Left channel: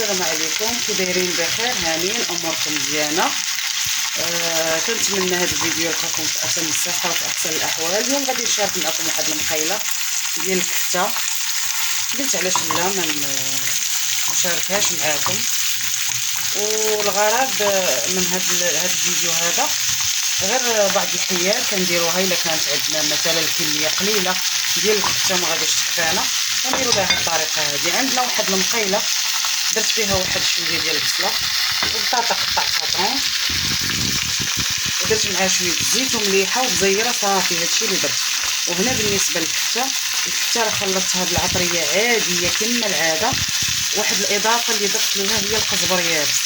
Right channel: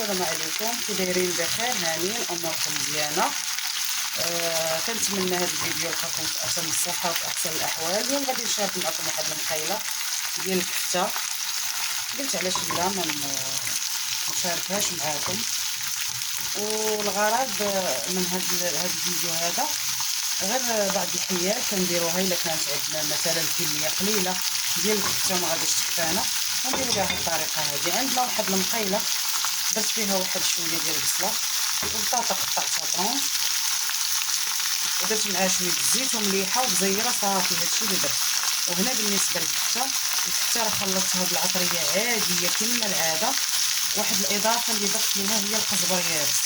السلام عليكم، كي دايرين؟ بخير؟ هانيين؟ اموركم مزيانه؟ كنتمنى هذا الفيديو يلقاكم في احسن الصحه وفي احسن الاحوال. اليوم غادي نشارك معكم واحد المقيله ديال الكفته. قلت علاش لا ما نشاركهاش معاكم. والغرض من هذا الفيديو هذا غير بعض الحيات كنديروها الا كانت عندنا مثلا الكميه قليله ديال الكفته ما غاديش تكفانا، كنديروا بهذه الطريقه هذه. عندنا واحد المقيله درت فيها واحد شويه ديال البصله وبطاطا قطعتها طرونش ودرت معاها شويه الزيت ومليحه وبزيره صافي. هادشي اللي درت. وهنا بالنسبه للكفته، الكفته راه خلطتها بالعطريه عاديه كما العاده. واحد الاضافه اللي ضفت لها هي القزبر يابس،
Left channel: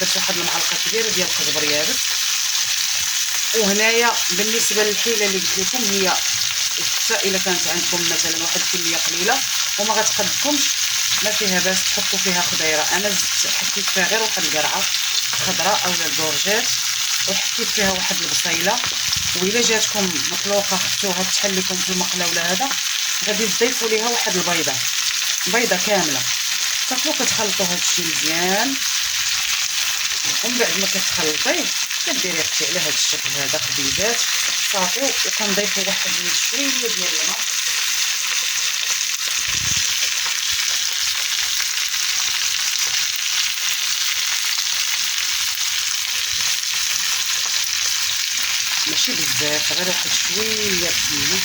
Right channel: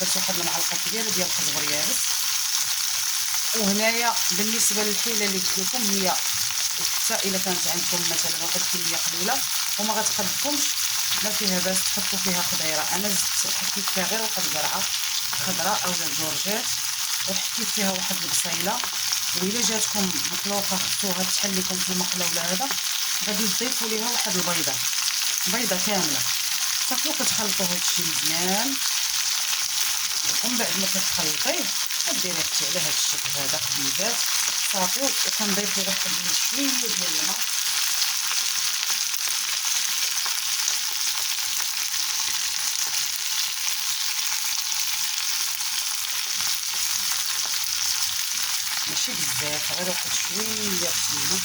درت واحد المعلقه كبيره ديال القزبر يابس. وهنايا بالنسبه للحيله اللي قلت لكم هي الكفته الا كانت عندكم مثلا واحد الكميه قليله وما غتقدكمش ما فيها باس تحطوا فيها خضيره. انا زدت حطيت فيها غير واحد القرعه خضراء اولا الدورجات، وحطيت فيها واحد البصيله. والا جاتكم مطلوقه خفتوها تحل لكم في المقله ولا هذا، غادي تضيفوا ليها واحد بيضه كامله. صافي كتخلطوا هادشي مزيان، ومن بعد ما كتخلطيه كديري اختي على هذا الشكل هذا خبيزات صافي. وكنضيفوا واحد شويه ديال الماء ماشي بزاف، غير واحد شويه سمنه.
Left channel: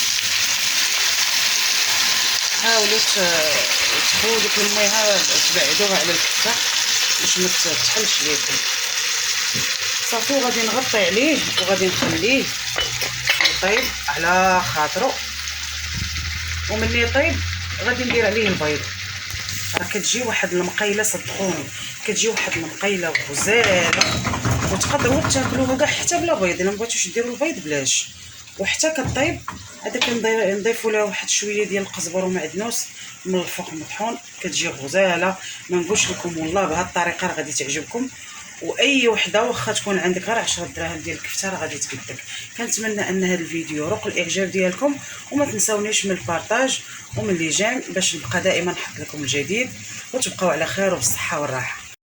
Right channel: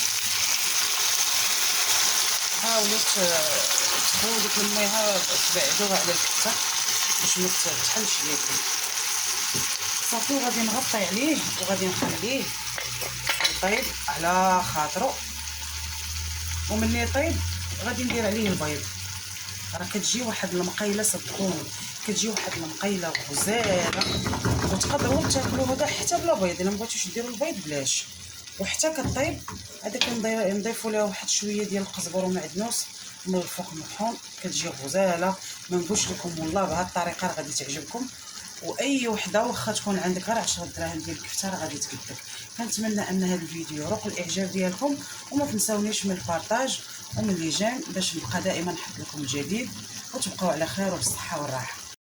حاولوا تخووا ديك الميها تبعدوها على الكفته باش ما تحلش ليكم. صافي وغادي نغطي عليه وغادي نخليه يطيب على خاطرو. ومني يطيب غادي ندير عليه البيض. راه كتجي واحد المقيله صدقوني، كتجي واحد المقيله غزاله وتقدروا تاكلوها كاع حتى بلا بيض. الا مبغيتوش ديروا البيض بلاش. وحتى كطيب هذا كنضيفوا لها واحد شويه ديال القزبر ومعدنوس من الفوق مطحون، كتجي غزاله. ما نقولش لكم والله بهذه الطريقه راه غادي تعجبكم. واي وحده واخا تكون عندك غير 10 دراهم ديال الكفته راه غادي تقدك. كنتمنى ان هذا الفيديو يروق الاعجاب ديالكم، وما تنساونيش من البارطاج ومن لي جيم باش نبقى دائما نحط لكم الجديد. وتبقاو على خير وبالصحه والراحه.